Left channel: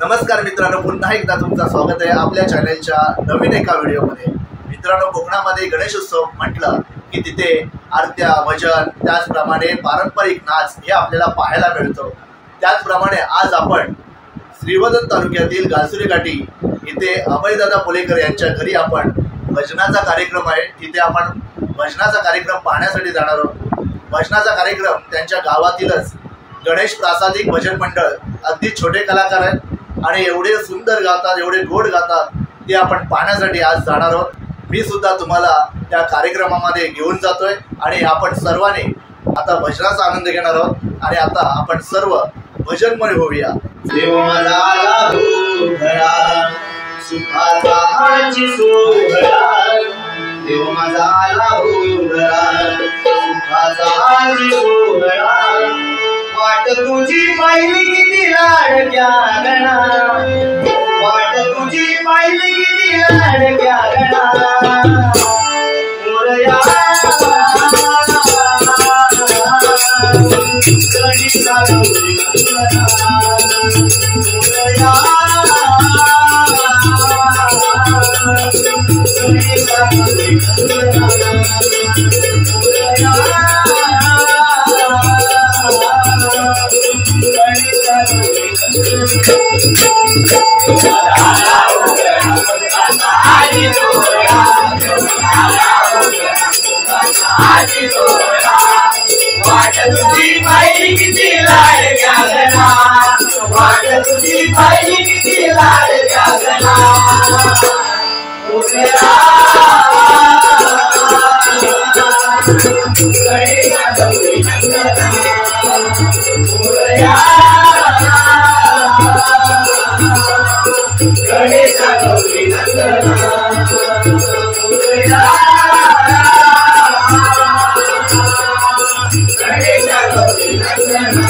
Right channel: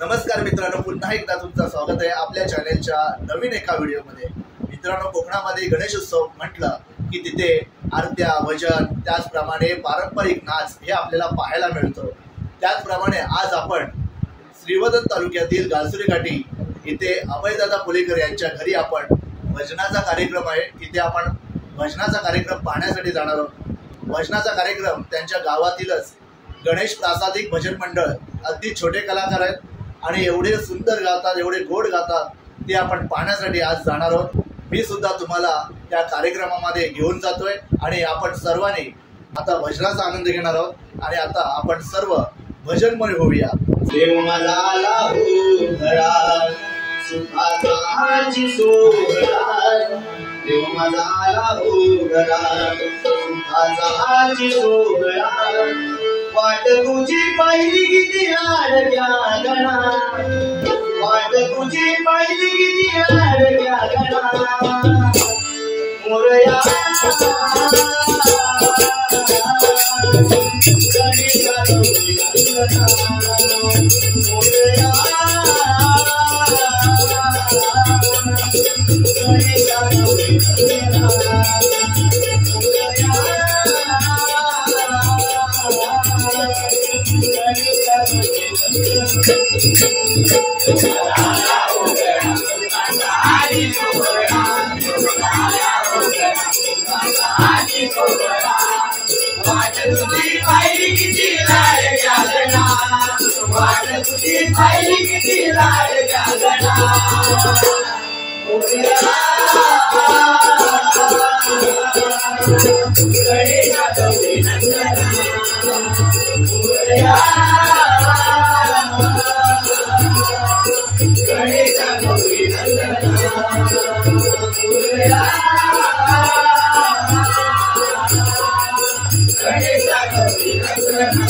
नमस्कार मित्रांनो, पुन्हा एकदा तुमचं स्वागत आहे आपल्या चॅनलच्या नवीन एका व्हिडिओमध्ये। मित्रांनो, कोकणामध्ये गणेशोत्सव म्हटलं की तिथे आरत्या, भजन, त्याचप्रमाणे पारंपरिक नाच हे आपल्याला पाहायला मिळतो। त्याचप्रमाणे आज आपण श्रीवर्धन तालुक्यातील गालसुरी घाटी इथे अभयदादा पुलेकर यांच्या घरी आपण भजनाचा कार्यक्रम आहे। तिथे आपण भजनाचा कार्यक्रम पाहण्यासाठी जाणार आहोत। भजनाचा कार्यक्रम त्यांच्या गावातीलच गणेश प्रासादिक भजन मंडळ, अगदी छोटे कलाकार आहेत आणि एवढे सुंदर गातात, एवढे गोड गातात, ते आपण पाहण्यासाठी आज जाणार आहोत। मी सुद्धा तुम्हाला त्या कार्यक्रमामध्ये घेऊन जातोय आणि आपण सर्वांनी आता भजनाचा आनंद घेणार आहोत। आणि आता आपण सर्व भजनमय होऊया। देव माझा आला घरा सुखाचा हाची सोहळा, देव माझा आला घरा सुखाचा हाची सोहळा, वाट तुझी पाहिली किती लाडक्या गणा, वाट तुझी पाहिली किती लाडक्या गणा, मोरया गणेशा गौरी गणना, मोरया गणेशा गौरी गणना, मोरया वाट तुझी पाहिली किती लाडक्या गणा, वाट तुझी पाहिली किती लाडक्या गणा, गणेशा गौरी नंदना, मोरया गणेशा गौरी नंदना, मोरया गणेशा गौरी नंदना,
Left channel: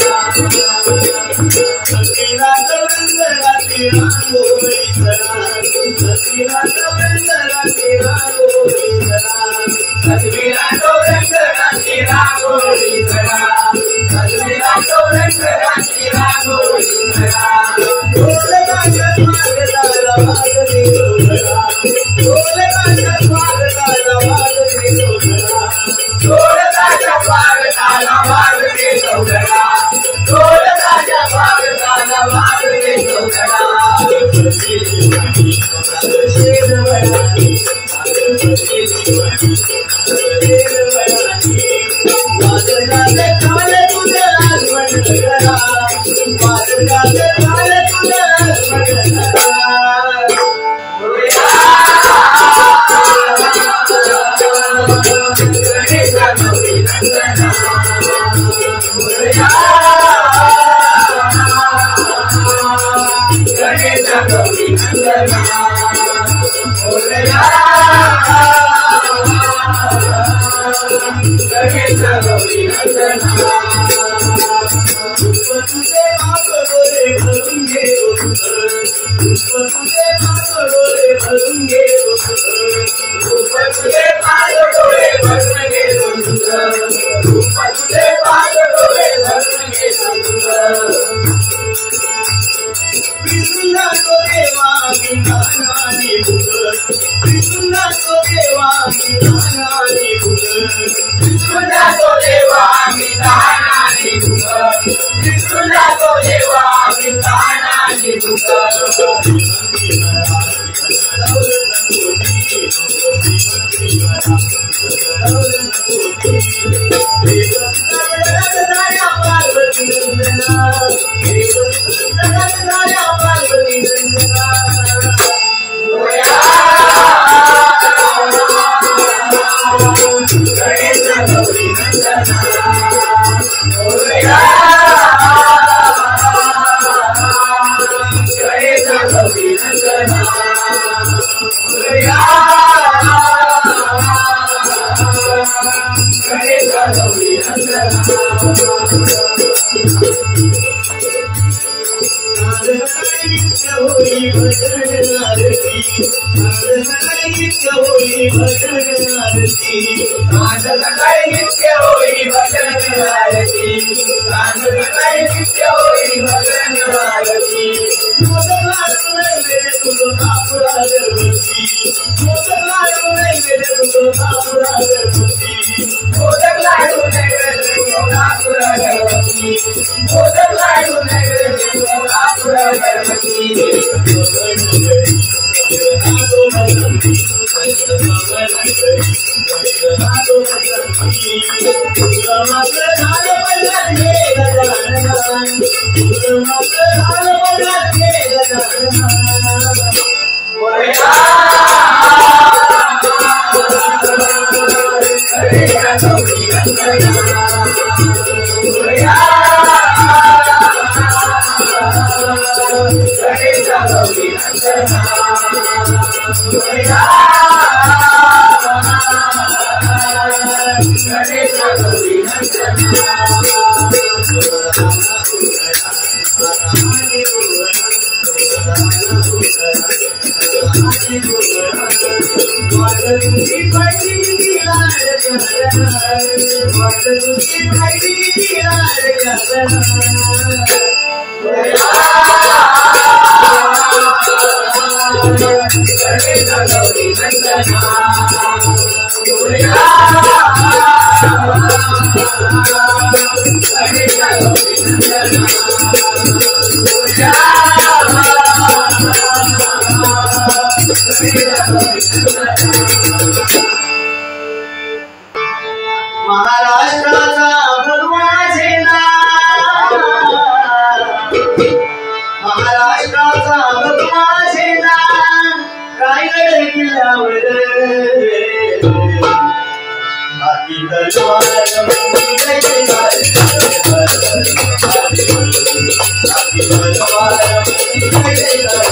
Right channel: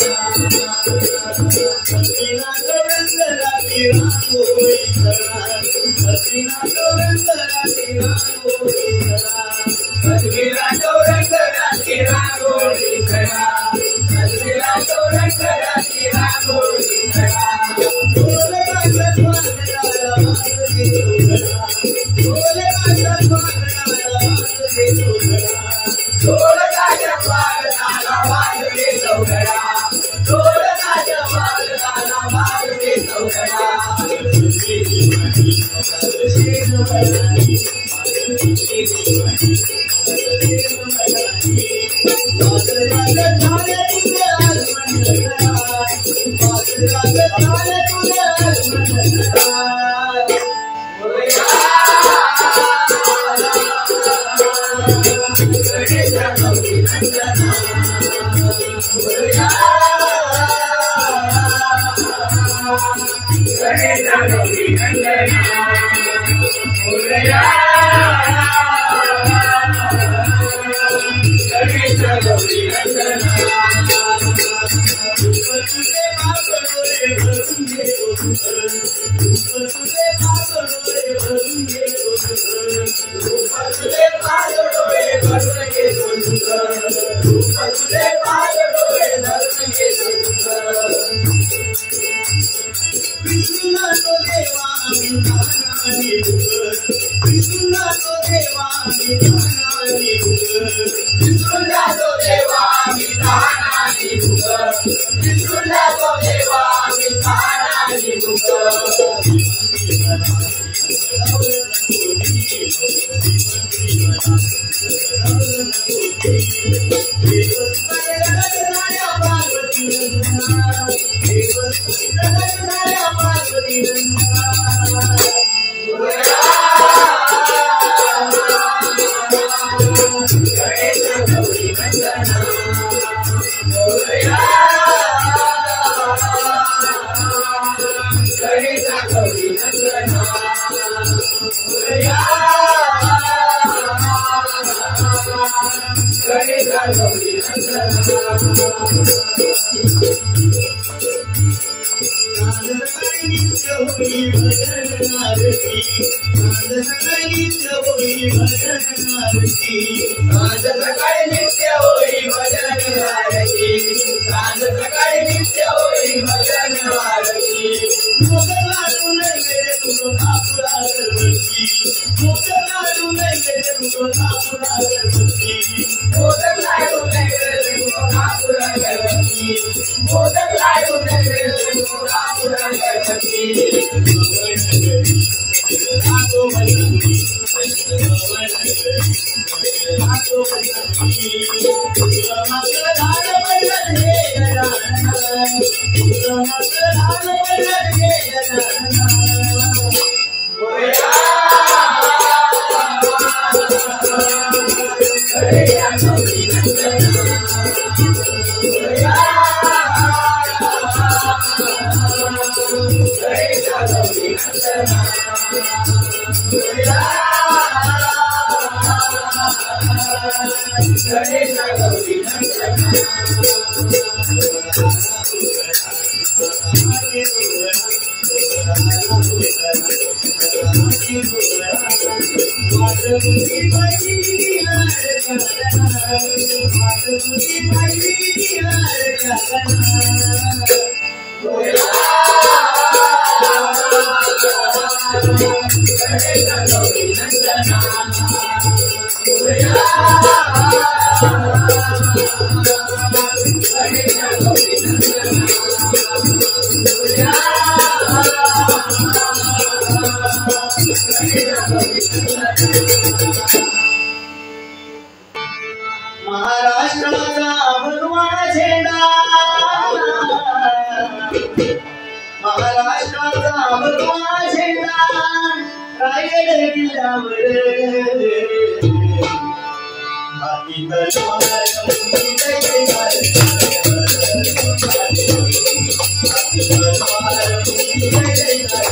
सखीला गौरंगराती रांगोळी करा, सखीला गौरंगराती रांगोळी करा, सखीला गौरंगराती रांगोळी करा, सखीला गौरंगराती रांगोळी करा, ढोलकाच्या स्वागताला वाजले डोलरा, ढोलकाच्या स्वागताला वाजले डोलरा, ढोलकाच्या स्वागताला वाजले डोलरा, ढोलकाच्या स्वागताला वाजले डोलरा, शेरवळानी वादळात झालं तुझं आगमन करा, वादळात झालं तुझं आगमन करा, गणेशा गौरी नंदना, गणेशा गौरी नंदना, गणेशा गौरी नंदना, तुझे बाप डोळे भरून घे, तुझे बाप डोळे भरून घे, तुझे पाय डोळे भरून घे, तुझे पाय डोळे भरून घे, कृष्णा तो देवा विधानाने भुग, कृष्णा तो देवा विधानाने भुग, कृष्णा तो देवा विधानाने भुग, कृष्णा तो देवा विधानाने भुग, गणेशा गौरी नंदना, गणेशा गौरी नंदना, गणेशा गौरी नंदना, होई भजन आरती, सकाळी नित्य होई भजन आरती, सकाळी नित्य होई भजन आरती, सकाळी नित्य होई भजन आरती, महाराष्ट्राचा भगवा झेंडा, महाराष्ट्राचा भगवा झेंडा रायगड किल्ल्यावर हाती तलवार मुंगी जय जयकार, हाती तलवार मुंगी जय जयकार,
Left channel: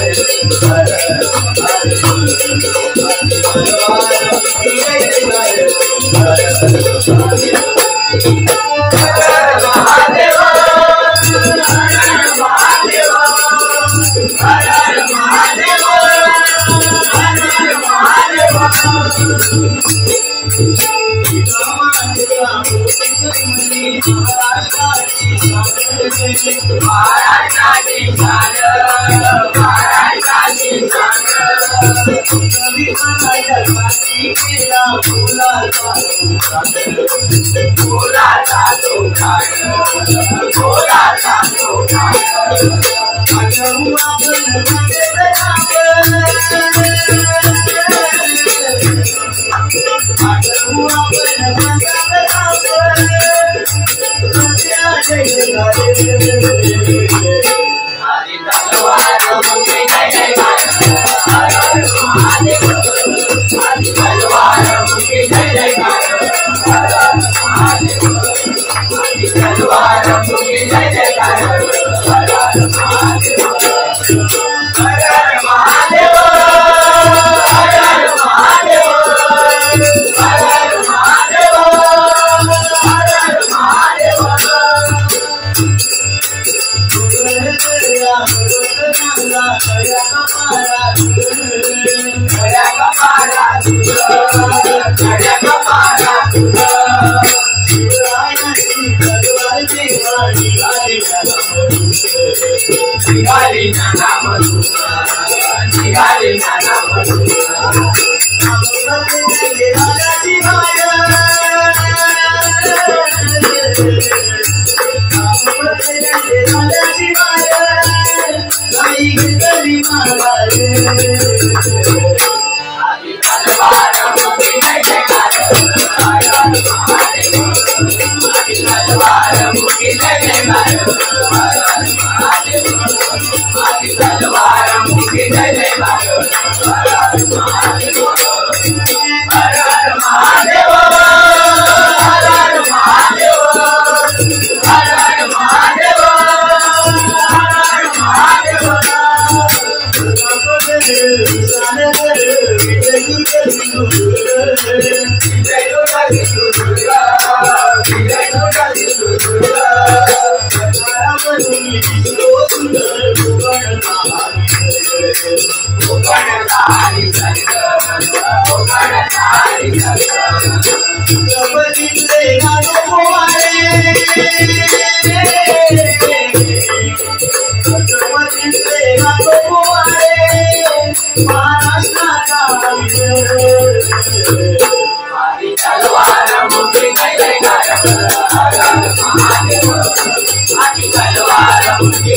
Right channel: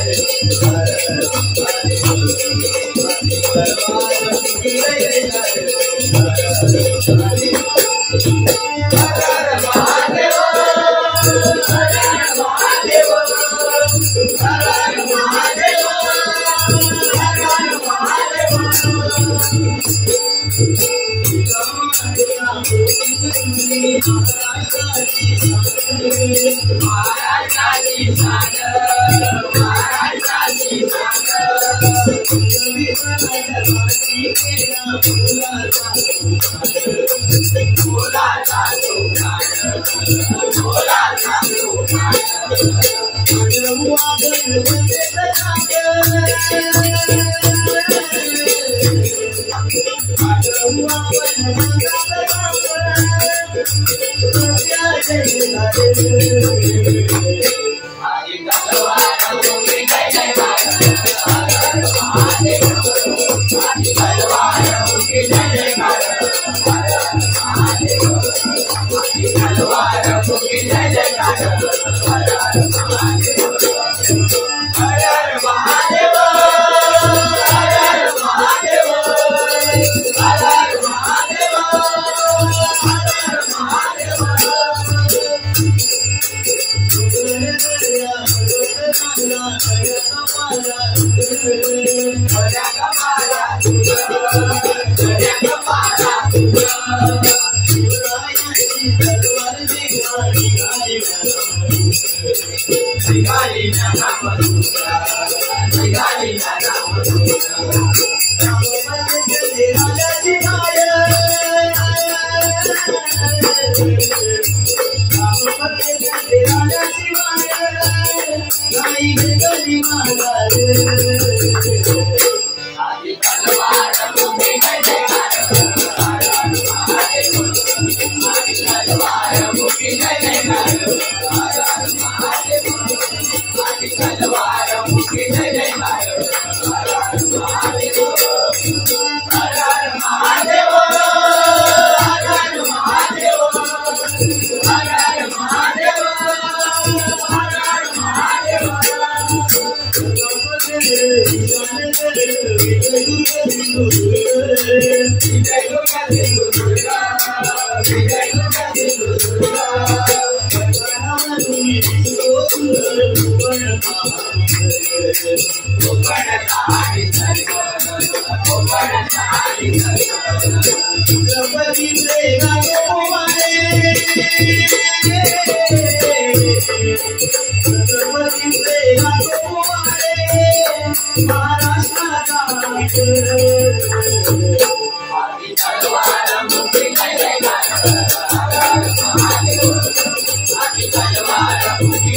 हाती तलवार मुंगी जय जयकार।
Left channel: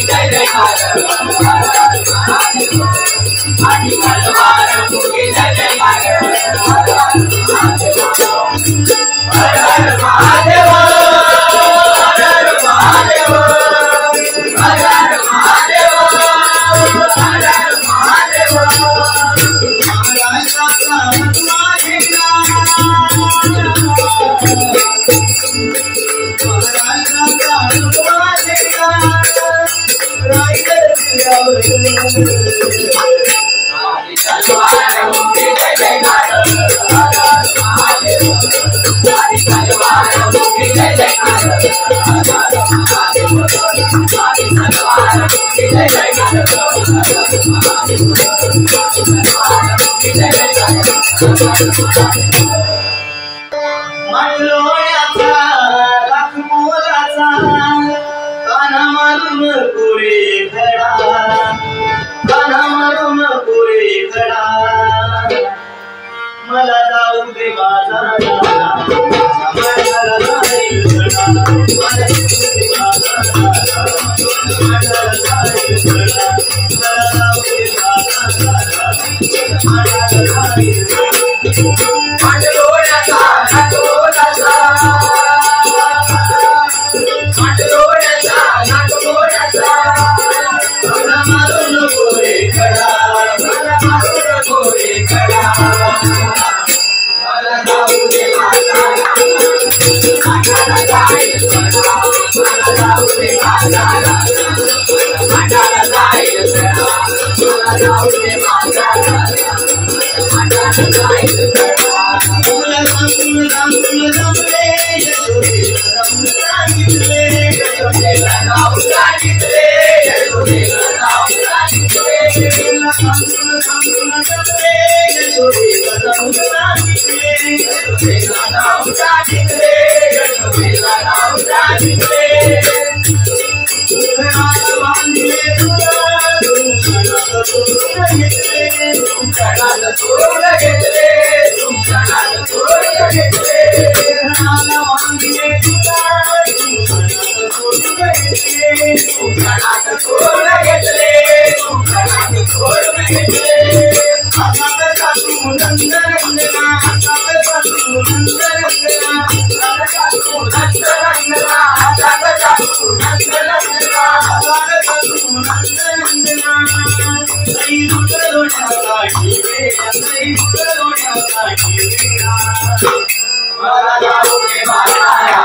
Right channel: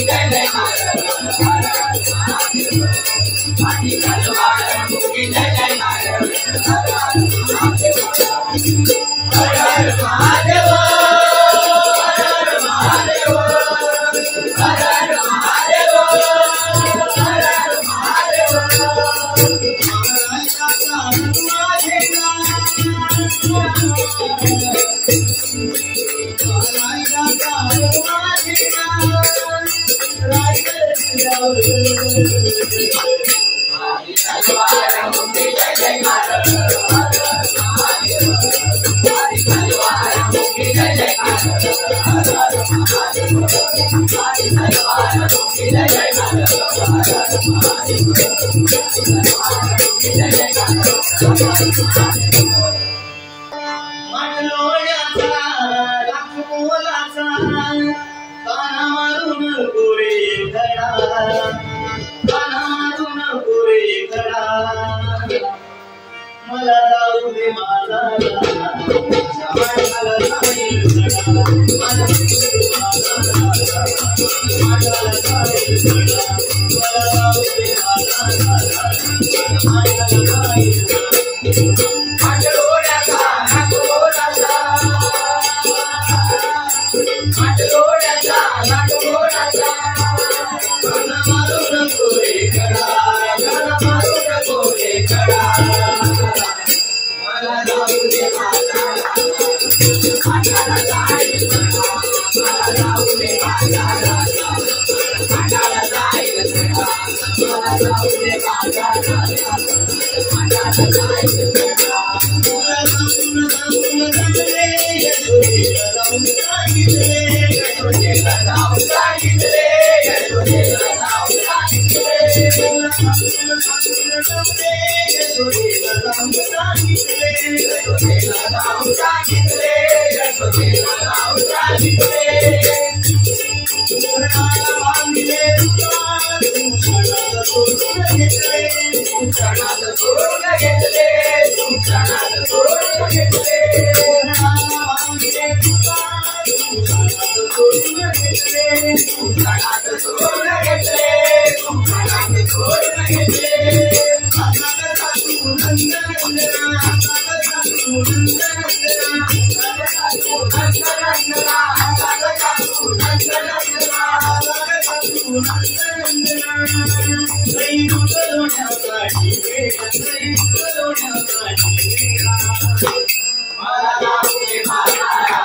जय जयकार। मांडलोण्याचा लाख मोलाचा काना मारून पुरे खडा, काना मारून पुरे खडा, मला जाऊ दे बाजाराला, मांडाला जाईल खडा, मला जाऊ दे बाजाराला, मांडाला जाईल खडा, मला जाऊ दे बाजाराला, मांडाला जाईल खडा. मांडलोण्याचा लाख मोलाचा, मांडलोण्याचा लाख मोलाचा, काना मारून पुरे खडा, काना मारून पुरे खडा, मला जाऊ दे बाजाराला, मांडाला जाईल खडा, मला जाऊ दे बाजाराला, मांडाला जाईल खडा, मला जाऊ दे बाजाराला, मांडाला जाईल खडा. तुला सांगून सांगून जमले, यशोदेला जाऊन सांगितले, यशोदेला जाऊन सांगितले, यशोदेला जाऊन सांगितले. तुला सांगून सांगून जमले, यशोदेला जाऊन सांगितले, यशोदेला जाऊन सांगितले, यशोदेला जाऊन सांगितले. घराला बांधले तुला, तुमच्याला सोडून घेतले, तुमच्याला सोडून घेतले, तुमच्याला सोडून घेतले. घराला बांधले तुला, तुमच्याला सोडून घेतले, तुमच्याला सोडून घेतले, तुमच्याला सोडून घेतले. हातात सासू नंदरंगना, हातात सासू नंदरंगना, हातात सासू नंदरंगना, हातात सासू नंदरंगना, हातात सासू नंदरंगना. आई दुधलोण्यासाठी वेळा, आई दुधलोण्यासाठी वेळा, मला जाऊ दे बाजाराला,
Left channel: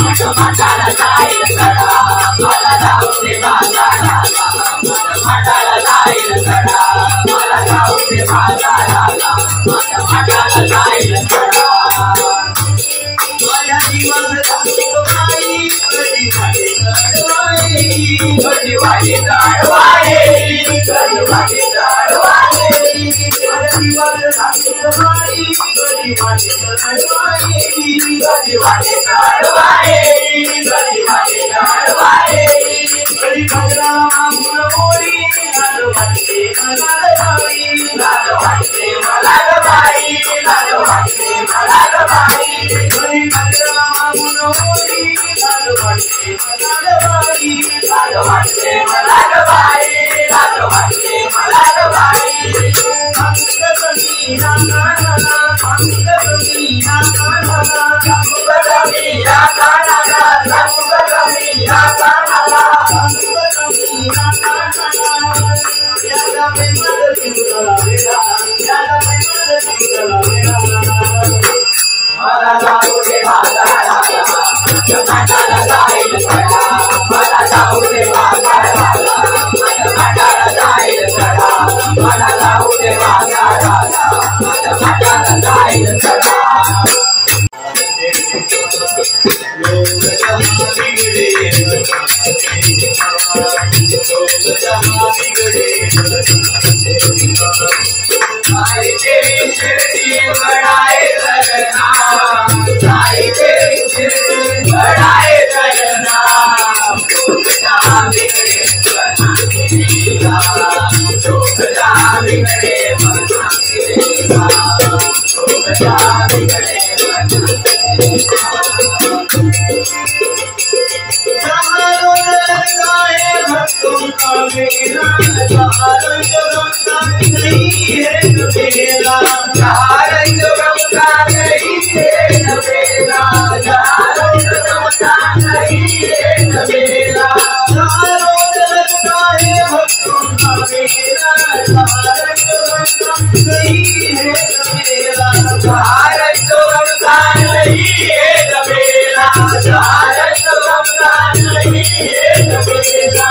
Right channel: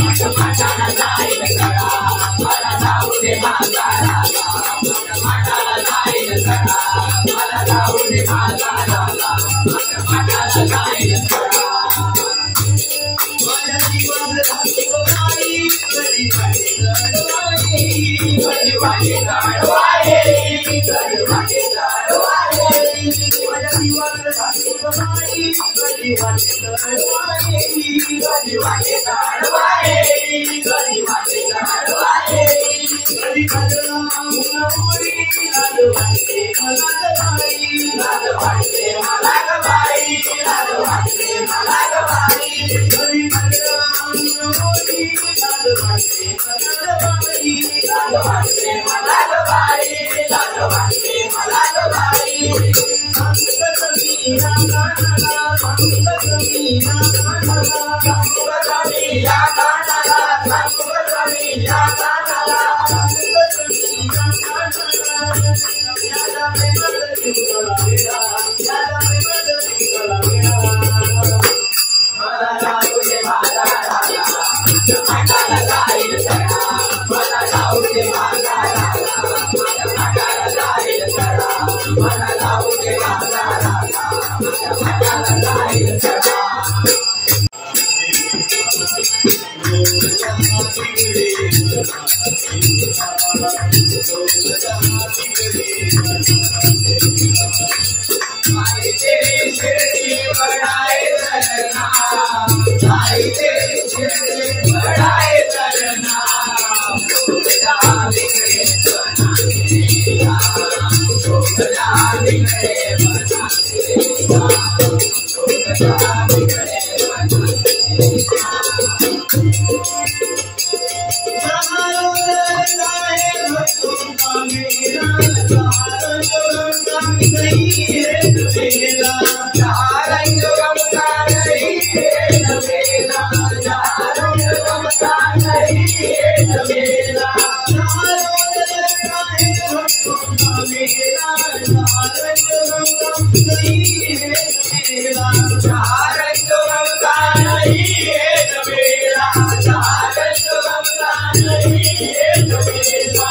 माझ्या मांडाला जाईल खडा, मला जाऊ दे बाजाराला, माझ्या मांडाला जाईल खडा, मला जाऊ दे बाजाराला, माझ्या मांडाला जाईल खडा. माझ्या जीवाला सासूबाई कधी वाटे चढवायली, कधी वाटे चढवायली, कधी वाटे चढवायली. माझ्या जीवाला सासूबाई कधी वाटे चढवायली, कधी वाटे चढवायली, कधी वाटे चढवायली. कधी गजरा मागून मोडी, लाज वाटते मला ग बाई, लाज वाटते मला ग बाई, लाज वाटते मला ग बाई. कधी गजरा मागून मोडी, लाज वाटते मला ग बाई, लाज वाटते मला ग बाई, लाज वाटते मला ग बाई. सांगत मी या कानाला, सांगत मी या कानाला, सांगत मी या कानाला, सांगत मी या कानाला, सांगत मी या कानाला. याला प्रेमात जिंकला वेळा, याला प्रेमात जिंकला वेळा, मला जाऊ दे बाजाराला, माझ्या मांडाला जाईल खडा, मला जाऊ दे बाजाराला, माझ्या मांडाला जाईल खडा, मला जाऊ दे बाजाराला, माझ्या मांडाला जाईल खडा. आई तेरी शिरडी बड़ाए लगना, आई तेरी शिरडी बड़ाए लगना, भूल जा बिगड़े बना तेरा, भूल जा बिगड़े बना तेरा, भूल जा बिगड़े बना तेरा. जहाँ रोज़ाए भक्तों का मेला, जहाँ रंग गंगा नहीं है नवेला, जहाँ रंग गंगा नहीं है नवेला, जहाँ रंग गंगा नहीं है नवेला. जहाँ रोज़ाए भक्तों का मेला, जहाँ रंग गंगा नहीं है नवेला, जहाँ रंग गंगा नहीं है नवेला, जहाँ रंग गंगा नहीं है नवेला.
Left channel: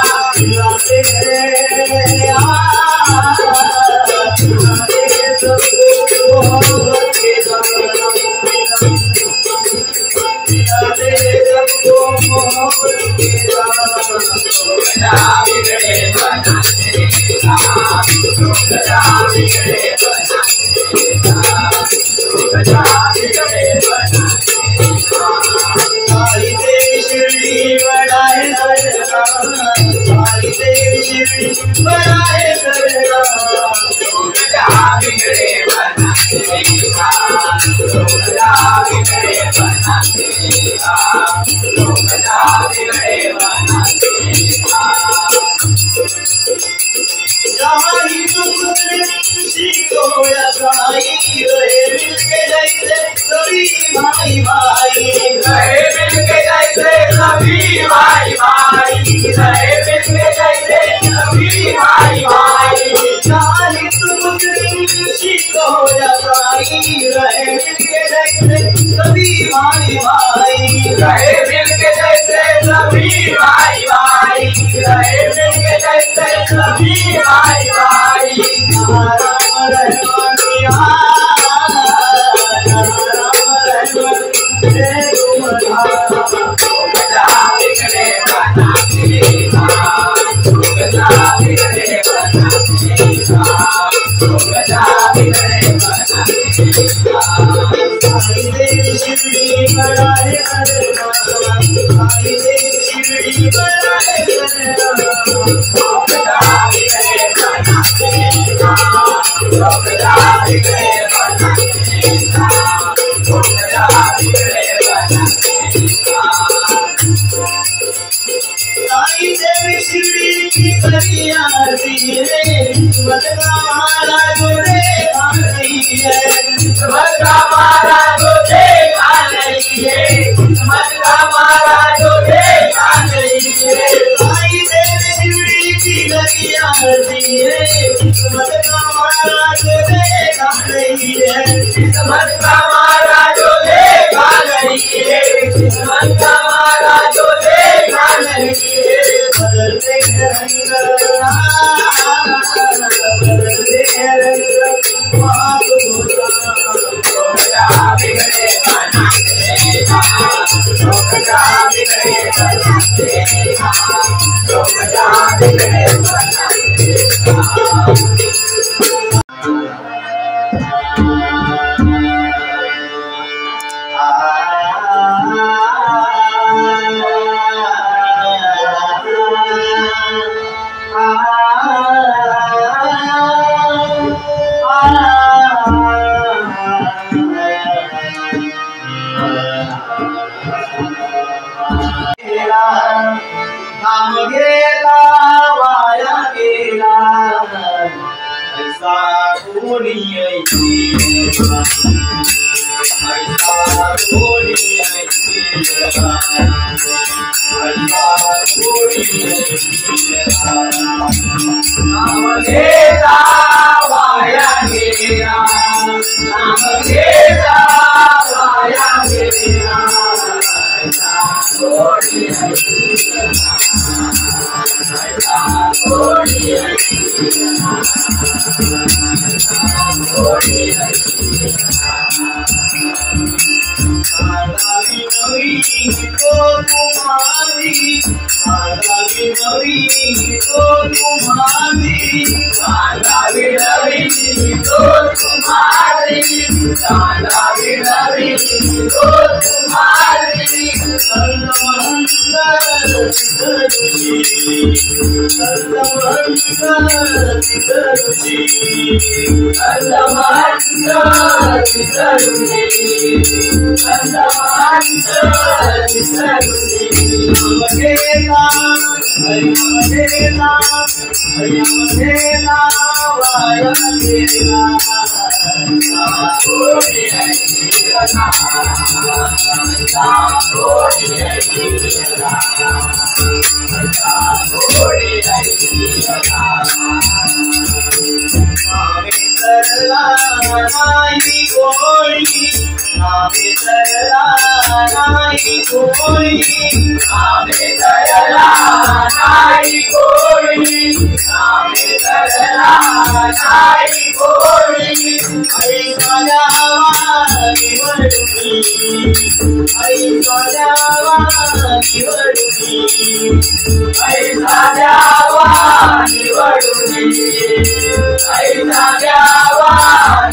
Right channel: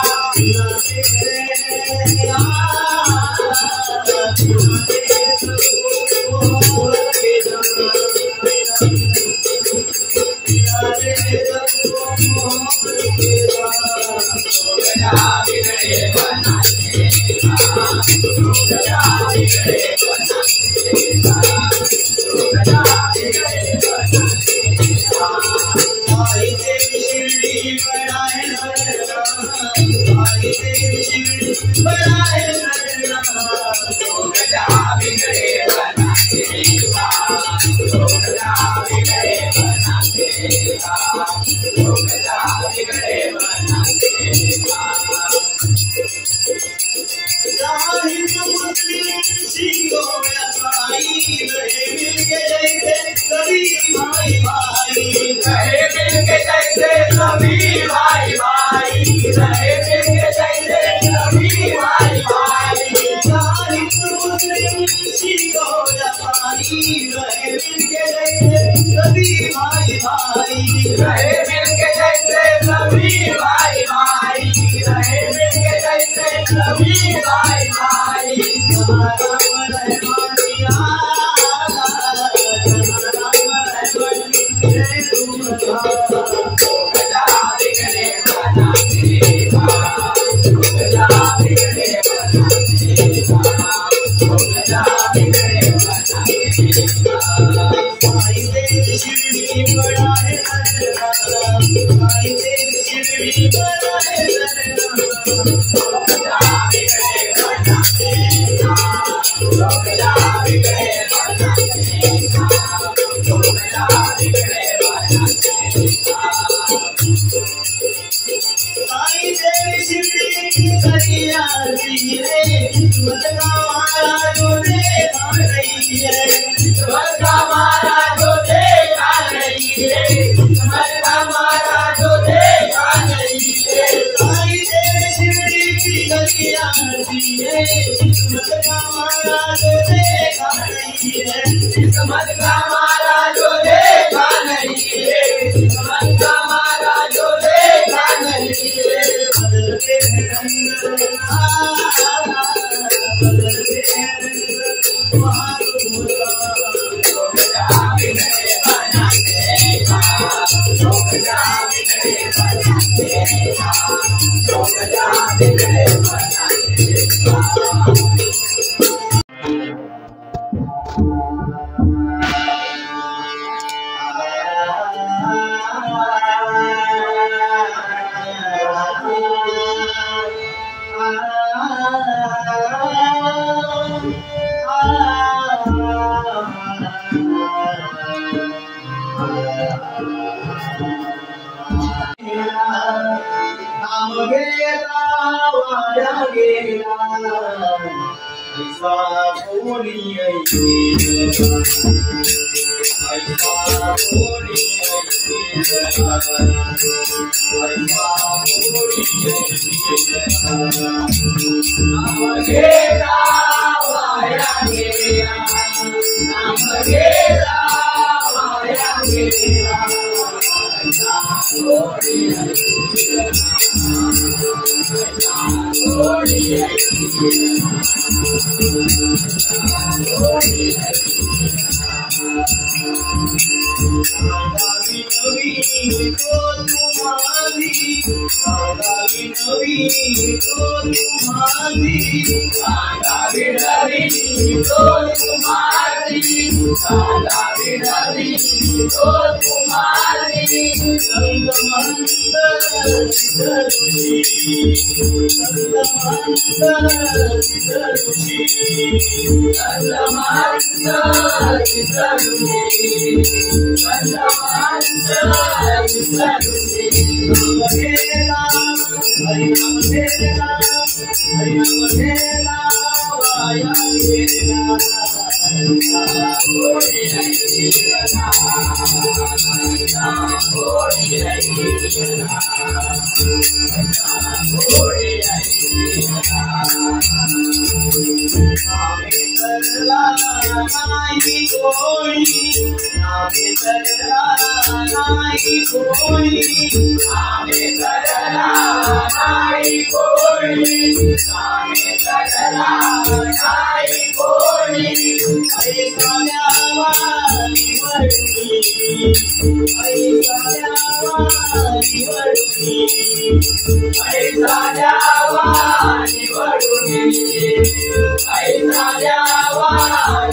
I पैसा द्यावा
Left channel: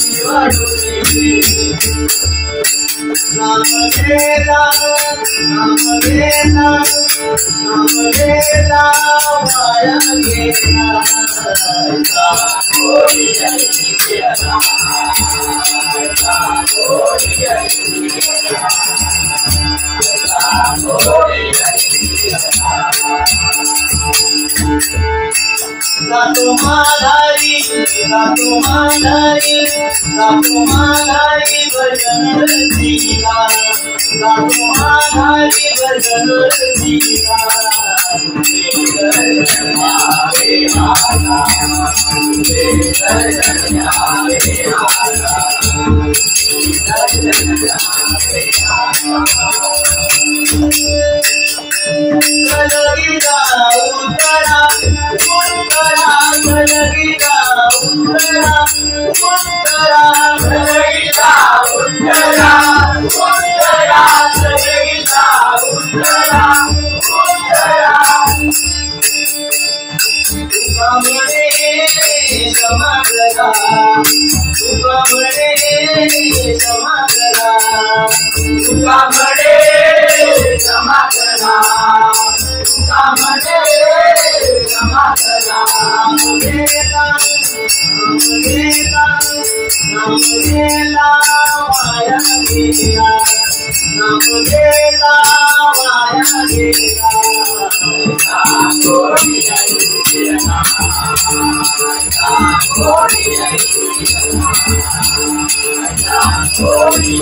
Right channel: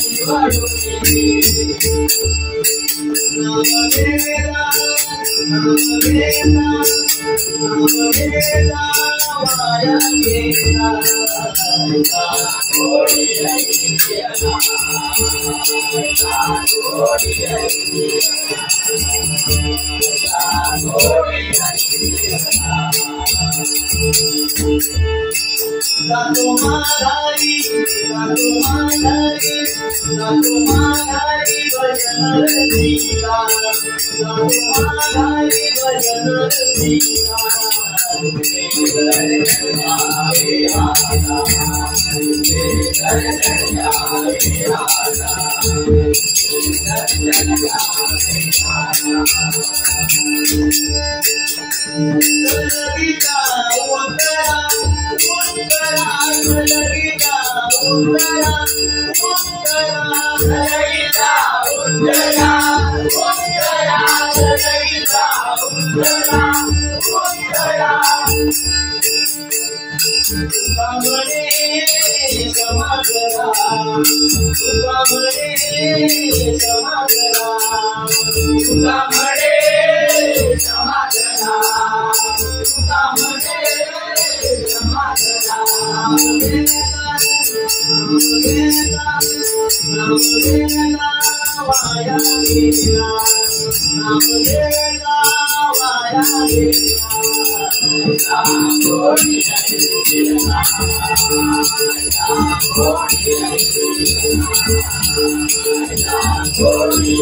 निवडून नाम घेला वाया गेला कोणी गेला भजन दिला भजन दिला गलगीता उत्तरा उत्तरा गलगीता उत्तरा उत्तरा गलगीता उत्तरा उत्तरा गलगीता उत्तरा उत्तरा तुका म्हणे क्षमा करा तुका म्हणे क्षमा करा तुका म्हणे क्षमा करा तुका म्हणे क्षमा करा नाम घेला वाया गेला नाम घेला वाया गेला कोणी गेला कोणी